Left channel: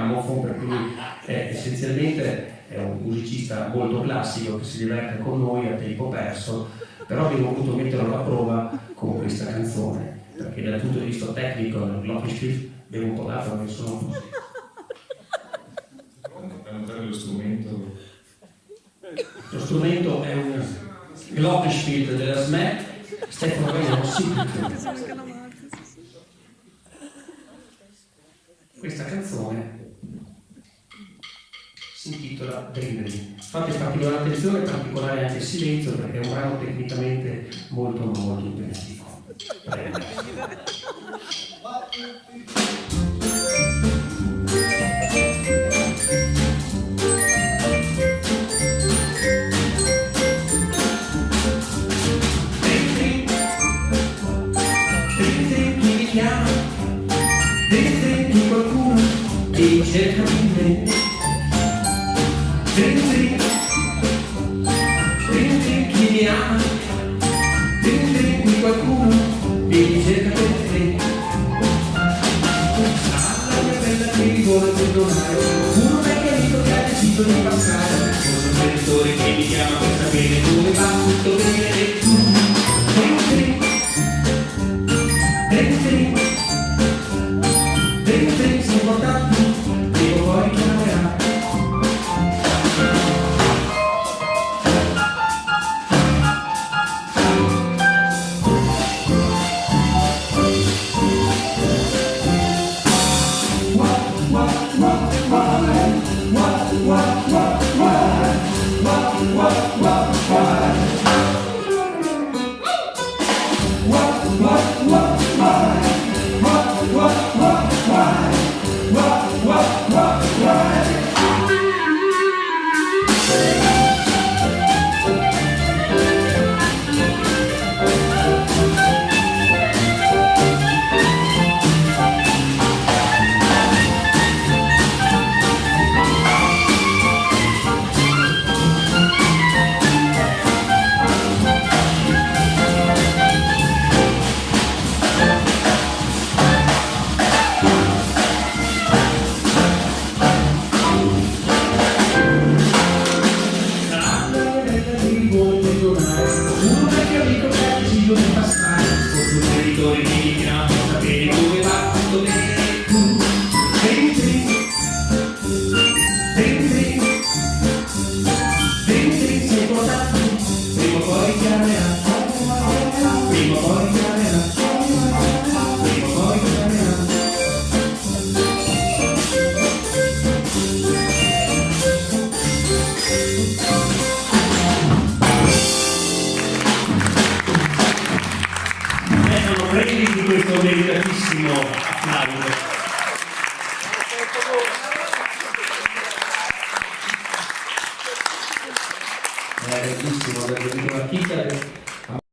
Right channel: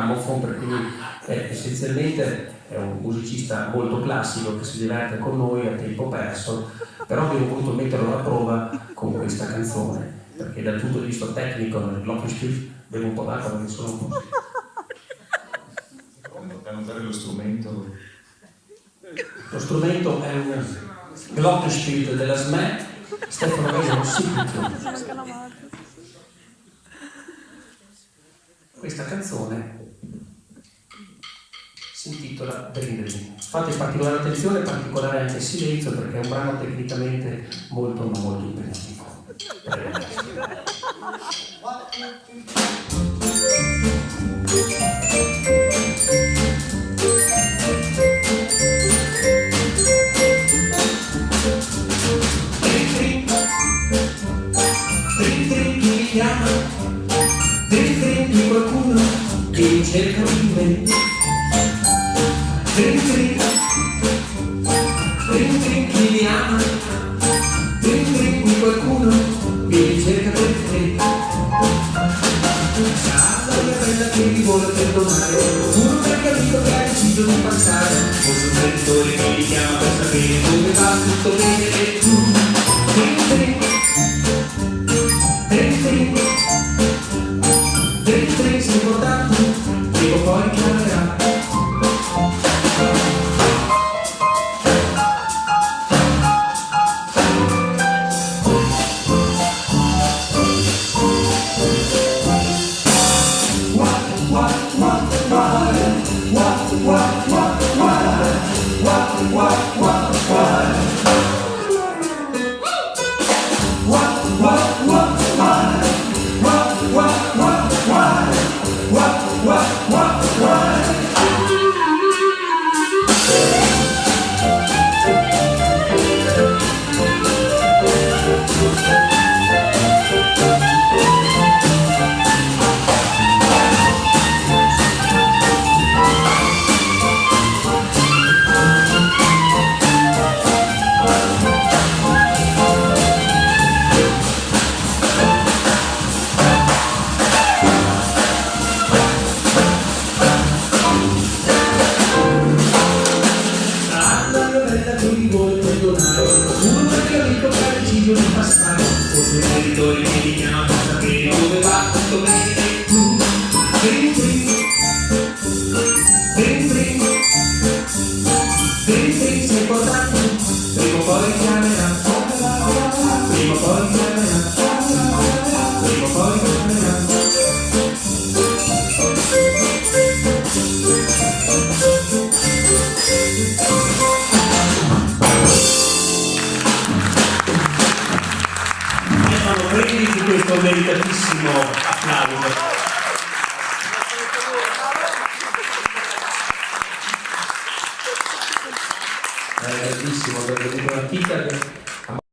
gramophone, per cui essenzialmente è un musicista molto classico che si diverte con noi a tempo perso, però abbiamo voluto metterlo alla prova con questa canzone, perché dal punto di vista tecnico nel Glockenspiel abbiamo un po' dato, non sono così. Notare lo strumento. Lo strumento è un Glockenspiel della SME, Stefano Gagliano Signature. Questa canzone si intitola Dream Dream. Fate particolare attenzione e particolare anche silenzio, perché è un brano tecnicamente molto molto impegnativo. Dentro qualcuno che cerca di me. Dentro chi mi ama. Dentro qualcuno che cerca per te. Sarà una bella che mi vuole perdonare, uno che ha capito che ha deciso di passare. Forse un preditore che mi chiama per sapere dove va tutto bene e tu. Dentro sei importante, prima o poi chiamerà. Uno perché ho detto che ha deciso di passare. Forse un territorio che mi chiama per sapere dove va tutto bene. Tu dentri sei importante, prima o poi chiamerà. Prima o poi chiamerà. Prima o poi chiamerà. Prendi di questo meritatissimo applauso. È bellissimo, è una chicca che